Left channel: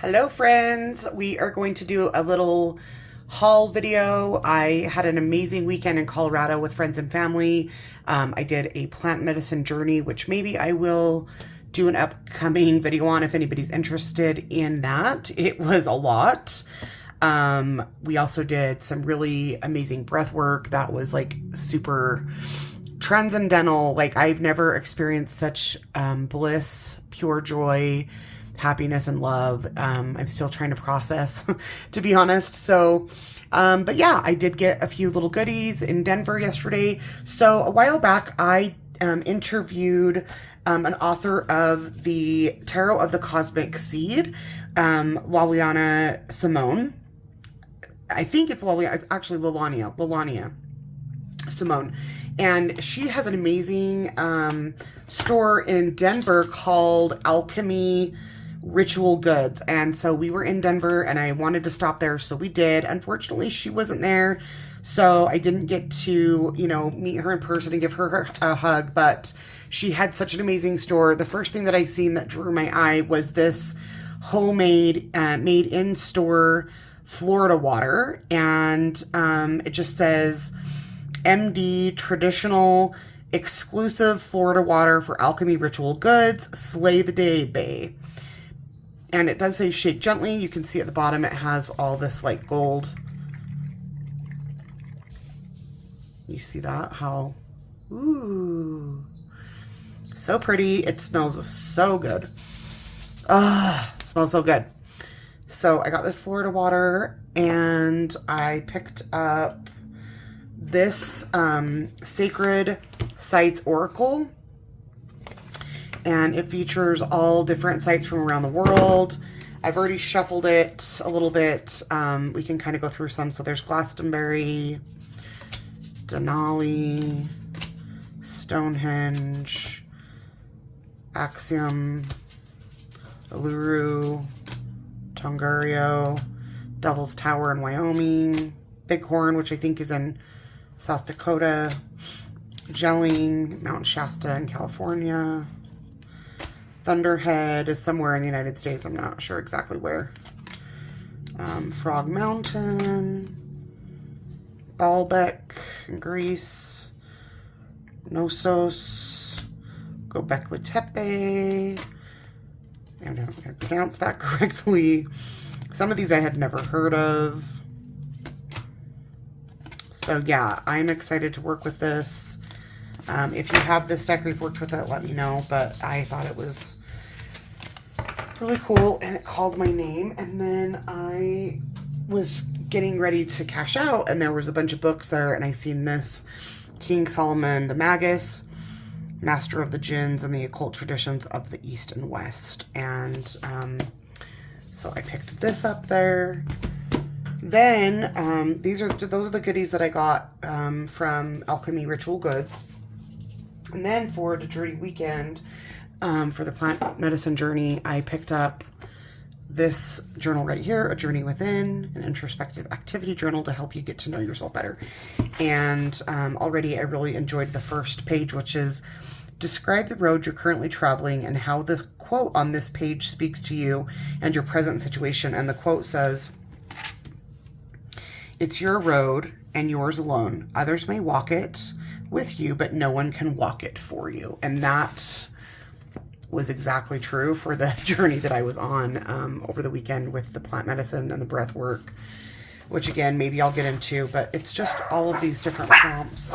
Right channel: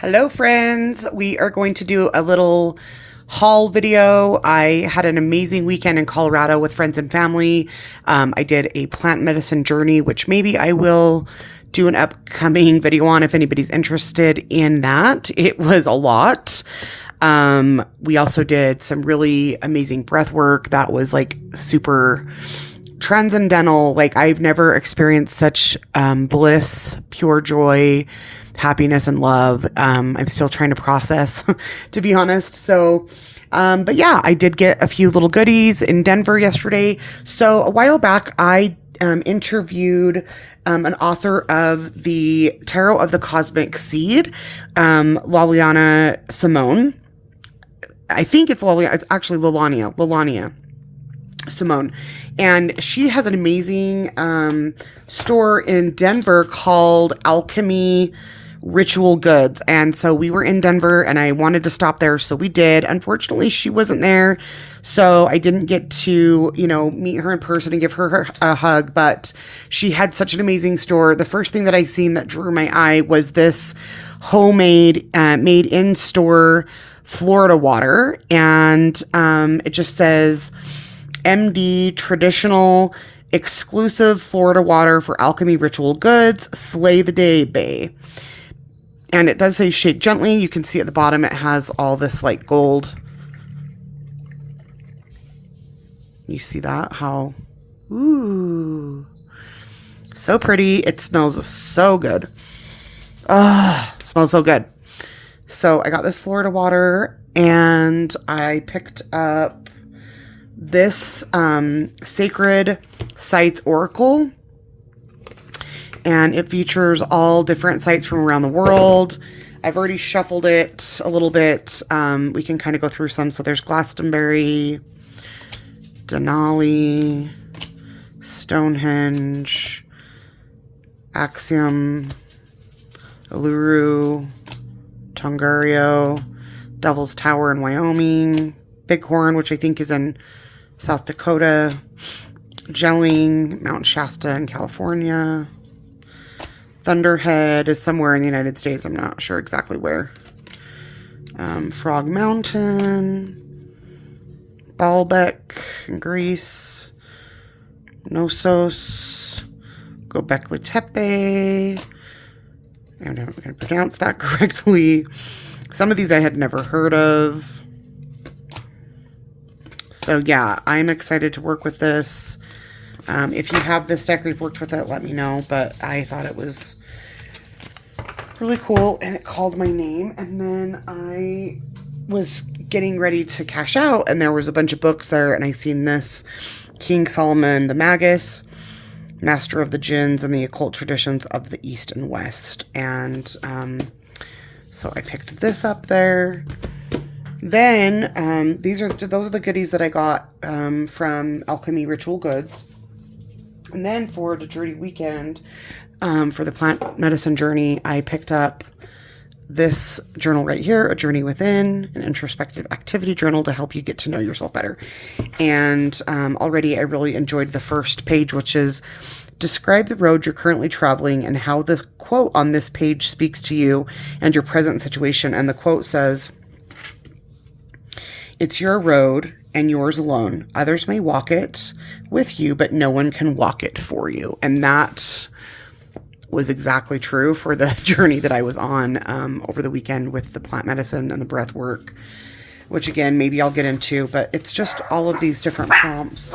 Hello friends, we are going to do a little haul video. I had an amazing weekend in Colorado with friends and family. I did a plant medicine journey, which maybe I will do an upcoming video on if anybody's interested in that. It was a lot. We also did some really amazing breath work that was like super transcendental. Like I've never experienced such bliss, pure joy, happiness, and love. I'm still trying to process, to be honest. But yeah, I did get a few little goodies in Denver yesterday. So a while back, I interviewed an author of the Tarot of the Cosmic Seed, Laliana Simone. I think it's Laliana. It's actually Lalania Simone. And she has an amazing store in Denver called Alchemy Ritual Goods. And so we were in Denver and I wanted to stop there. So we did. Unfortunately, she wasn't there. So I didn't get to, meet her in person and give her a hug. But she had such an amazing store. The first thing that I seen that drew my eye was this homemade, made in store Florida water. And it just says MD traditional exclusive Florida water for Alchemy Ritual Goods, Slay the Day Bay. And it does say shake gently. You can see at the bottom it has all this like gold. You see that? How? Ooh. So pretty. It smells so good. Smells so good. So I got this Florida water and I picked up this Sacred Sites Oracle, and it features all different sites from around the world. I've already shuffled it a little bit. We can kind of go through some. So there's Glastonbury, Denali, Stonehenge, Axiom, Uluru, Tongariro, Devil's Tower in Wyoming, Bighorn, which I think is in South Dakota, Gelling, Mount Shasta in California, Thunderhead is somewhere in the United States. I'm not sure exactly where. Frog Mountain, Baalbek in Greece, Knossos, Göbekli Tepe. I'm not going to pronounce that correctly. Some of these I had never heard of. So yeah, I'm excited to work with this. If you have this deck or you've worked with it, let me know. But I thought it was really cool and it called my name. And then I was getting ready to cash out and there was a bunch of books there and I seen this King Solomon the Magus, Master of the Jinns and the Occult Traditions of the East and West. And so I picked this up there. Then those are the goodies that I got from Alchemy Ritual Goods. And then for the journey weekend, for the plant medicine journey, I picked up this journal right here, A Journey Within, an introspective activity journal to help you get to know yourself better. And already I really enjoyed the first page, which is describe the road you're currently traveling and how the quote on this page speaks to you and your present situation. And the quote says, "It's your road and yours alone. Others may walk it with you, but no one can walk it for you." And that was exactly true for the journey that I was on over the weekend with the plant medicine and the breath work, which again, maybe I'll get into, but it's just all of these different prompts.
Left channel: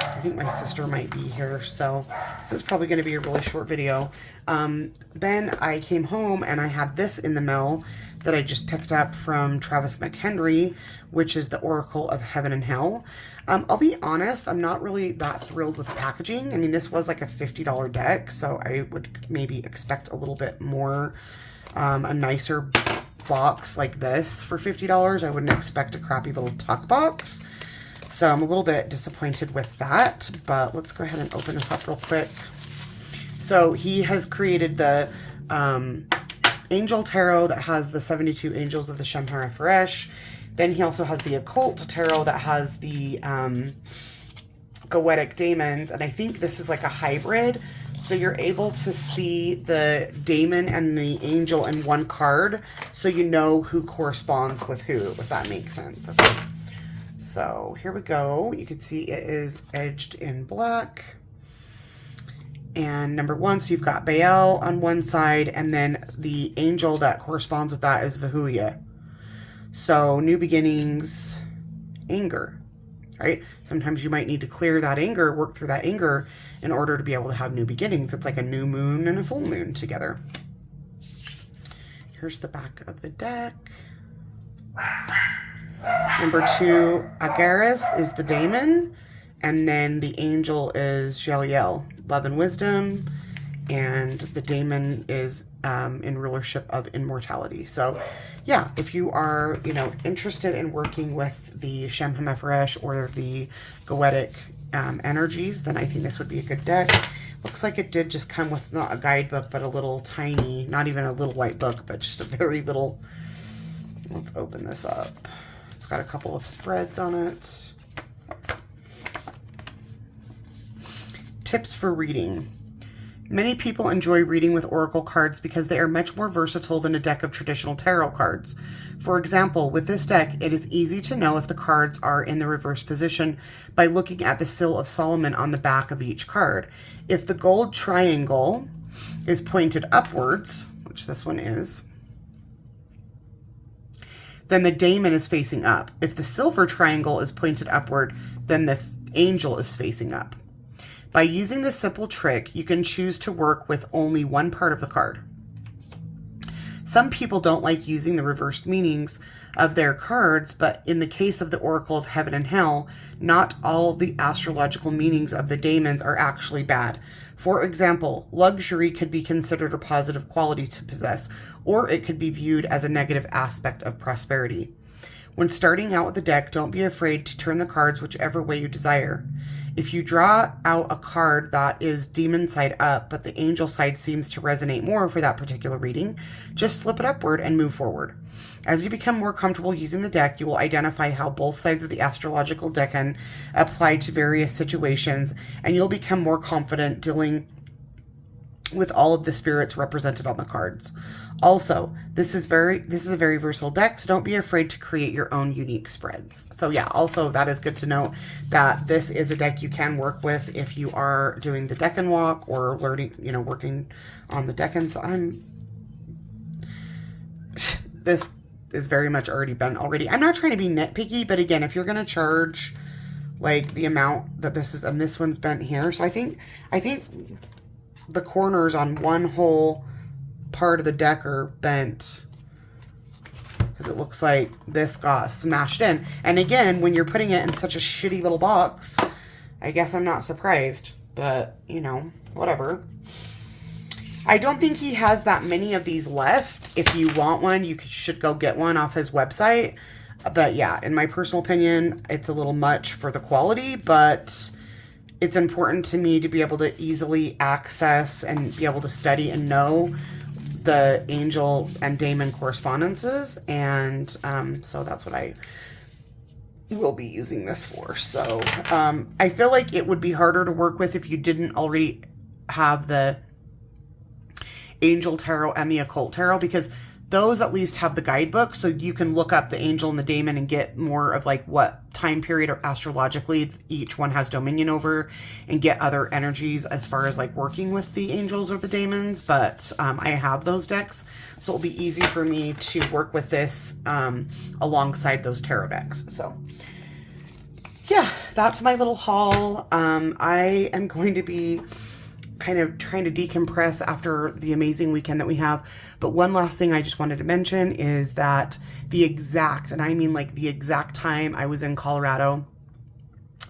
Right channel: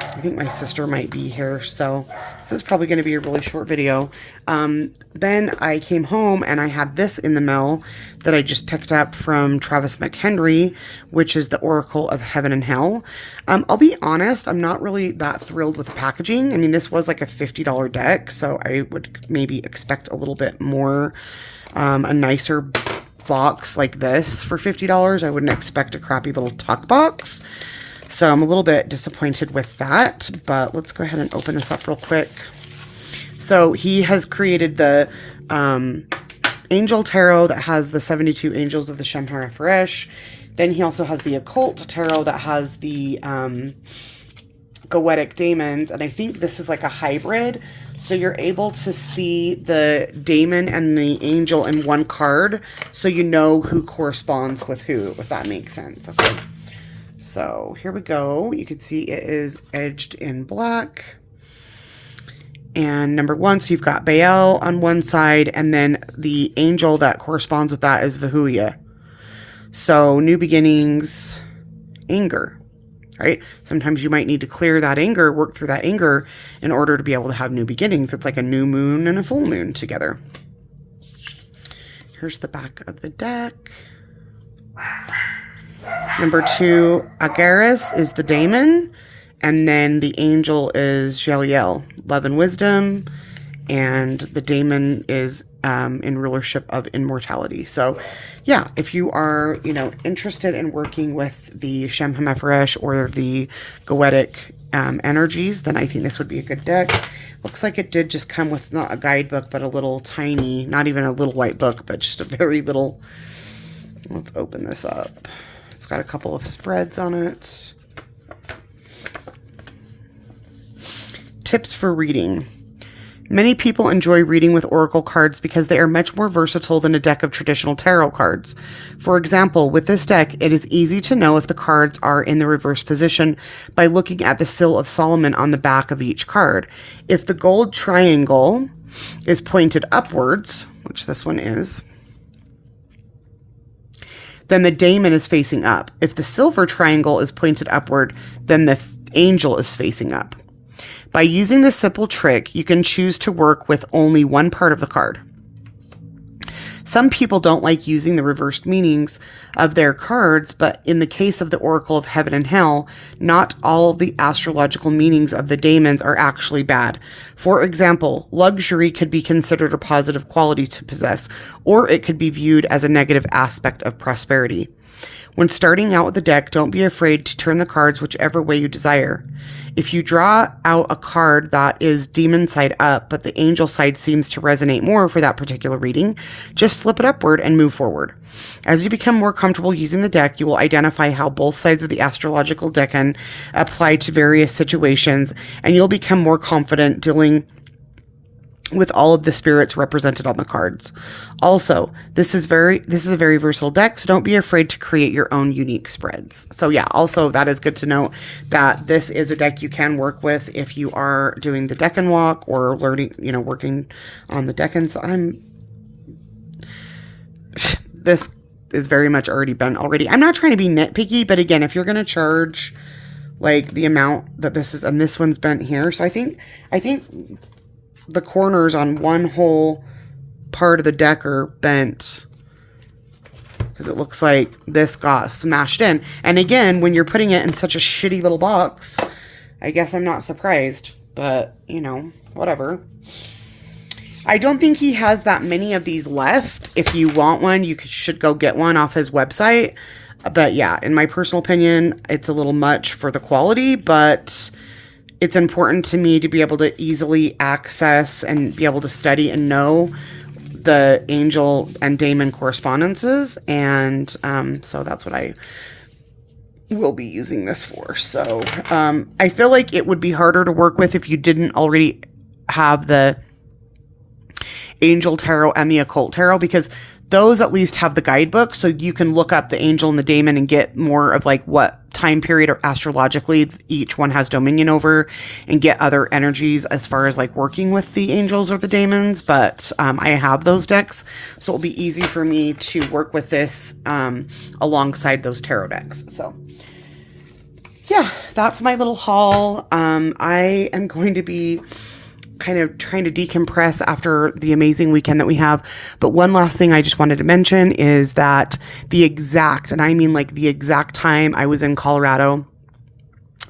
I think my sister might be here, so this is probably going to be a really short video. Then I came home and I had this in the mail that I just picked up from Travis McHenry, which is the Oracle of Heaven and Hell. I'll be honest, I'm not really that thrilled with the packaging. I mean, this was like a $50 deck, so I would maybe expect a little bit more, a nicer box like this for $50. I wouldn't expect a crappy little tuck box. So I'm a little bit disappointed with that, but let's go ahead and open this up real quick. So he has created the Angel Tarot that has the 72 Angels of the Shemhara Feresh. Then he also has the Occult Tarot that has the Goetic Daemons. And I think this is like a hybrid. So you're able to see the daemon and the angel in one card, so you know who corresponds with who, if that makes sense. Okay. So here we go. You can see it is edged in black. And number one, so you've got Baal on one side, and then the angel that corresponds with that is Vahuya. So new beginnings, anger, right? Sometimes you might need to clear that anger, work through that anger in order to be able to have new beginnings. It's like a new moon and a full moon together. Here's the back of the deck. Number two, Agaris is the daemon, and then the angel is Jeliel, love and wisdom, and the daemon is in rulership of immortality. So yeah, if you are, interested in working with the Shem HaMephoresh or the Goetic energies, then I think this would be a good deck. Looks like it did just come with not a guidebook, but a little tiny, not even a little white book, but just a very little. Let's open this up. It's got a couple of spreads on it. Tips for reading. Many people enjoy reading with oracle cards because they are much more versatile than a deck of traditional tarot cards. For example, with this deck, it is easy to know if the cards are in the reverse position by looking at the Seal of Solomon on the back of each card. If the gold triangle is pointed upwards, which this one is, then the daemon is facing up. If the silver triangle is pointed upward, then the angel is facing up. By using this simple trick, you can choose to work with only one part of the card. Some people don't like using the reversed meanings of their cards, but in the case of the Oracle of Heaven and Hell, not all the astrological meanings of the daemons are actually bad. For example, luxury could be considered a positive quality to possess, or it could be viewed as a negative aspect of prosperity. When starting out with the deck, don't be afraid to turn the cards whichever way you desire. If you draw out a card that is demon side up, but the angel side seems to resonate more for that particular reading, just flip it upward and move forward. As you become more comfortable using the deck, you will identify how both sides of the astrological decan apply to various situations, and you'll become more confident dealing with all of the spirits represented on the cards. Also, this is a very versatile deck, so don't be afraid to create your own unique spreads. So yeah, also that is good to know that this is a deck you can work with if you are doing the Decan walk or learning, working on the Decans. This is very much already been already. I'm not trying to be nitpicky, but again, if you're going to charge like the amount that this is, and this one's bent here, so I think the corners on one whole part of the deck are bent because it looks like this got smashed in. And again, when you're putting it in such a shitty little box, I guess I'm not surprised, but whatever. I don't think he has that many of these left. If you want one, you should go get one off his website. But yeah, in my personal opinion, it's a little much for the quality, but it's important to me to be able to easily access and be able to study and know the angel and daemon correspondences. And so that's what I will be using this for. So I feel like it would be harder to work with if you didn't already have the angel tarot and the occult tarot, because those at least have the guidebook, so you can look up the angel and the daemon and get more of like what time period or astrologically each one has dominion over, and get other energies as far as like working with the angels or the daemons. But I have those decks, so it'll be easy for me to work with this alongside those tarot decks. So yeah, that's my little haul. I am going to be kind of trying to decompress after the amazing weekend that we have. But one last thing I just wanted to mention is that the exact time I was in Colorado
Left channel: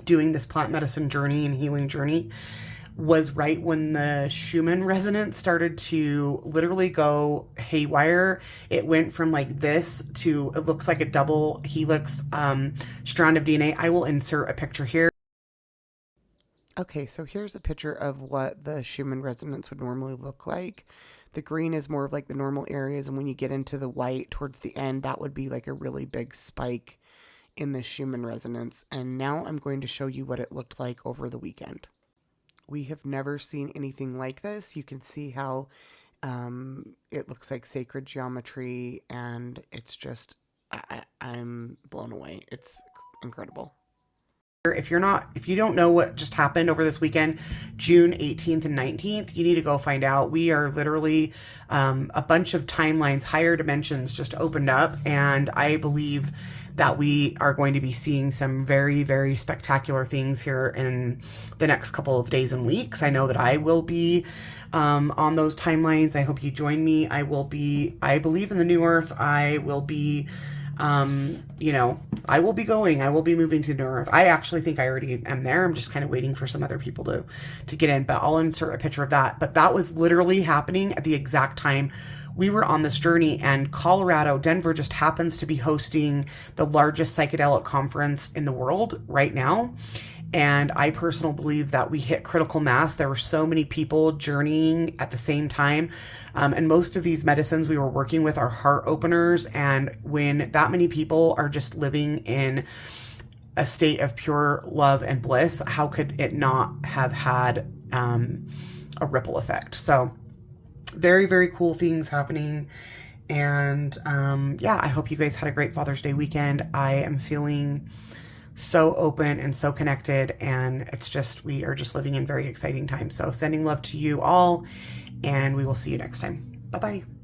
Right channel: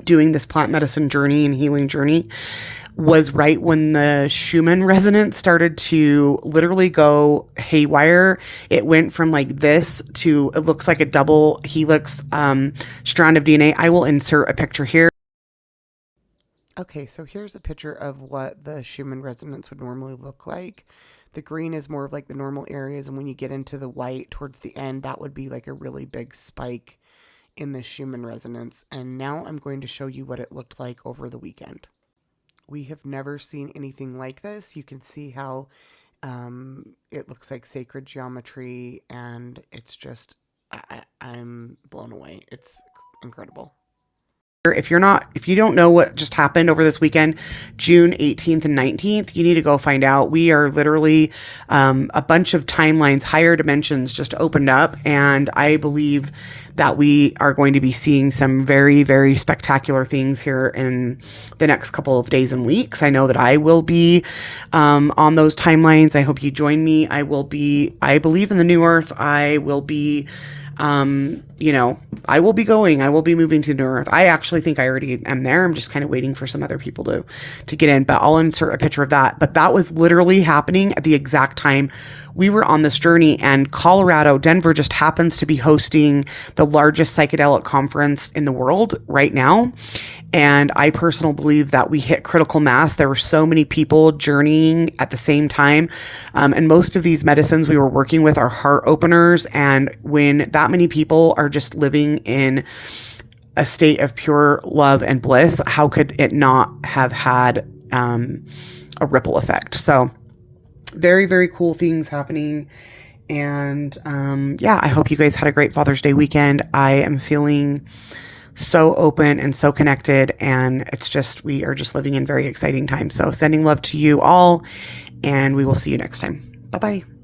doing this plant medicine journey and healing journey was right when the Schumann resonance started to literally go haywire. It went from like this to, it looks like a double helix strand of DNA. I will insert a picture here. Okay, so here's a picture of what the Schumann resonance would normally look like. The green is more of like the normal areas, and when you get into the white towards the end, that would be like a really big spike in the Schumann resonance. And now I'm going to show you what it looked like over the weekend. We have never seen anything like this. You can see how it looks like sacred geometry, and it's just, I'm blown away. It's incredible. If you don't know what just happened over this weekend, June 18th and 19th, you need to go find out. We are literally, a bunch of timelines, higher dimensions just opened up. And I believe that we are going to be seeing some very, very spectacular things here in the next couple of days and weeks. I know that I will be, on those timelines. I hope you join me. I believe in the new earth. I will be, I will be moving to New Earth. I actually think I already am there. I'm just kind of waiting for some other people to get in, but I'll insert a picture of that. But that was literally happening at the exact time we were on this journey, and Denver just happens to be hosting the largest psychedelic conference in the world right now. And I personally believe that we hit critical mass. There were so many people journeying at the same time. And most of these medicines we were working with are heart openers. And when that many people are just living in a state of pure love and bliss, how could it not have had a ripple effect? So very, very cool things happening. And I hope you guys had a great Father's Day weekend. I am feeling so open and so connected, and we are just living in very exciting times. So sending love to you all, and we will see you next time. Bye-bye.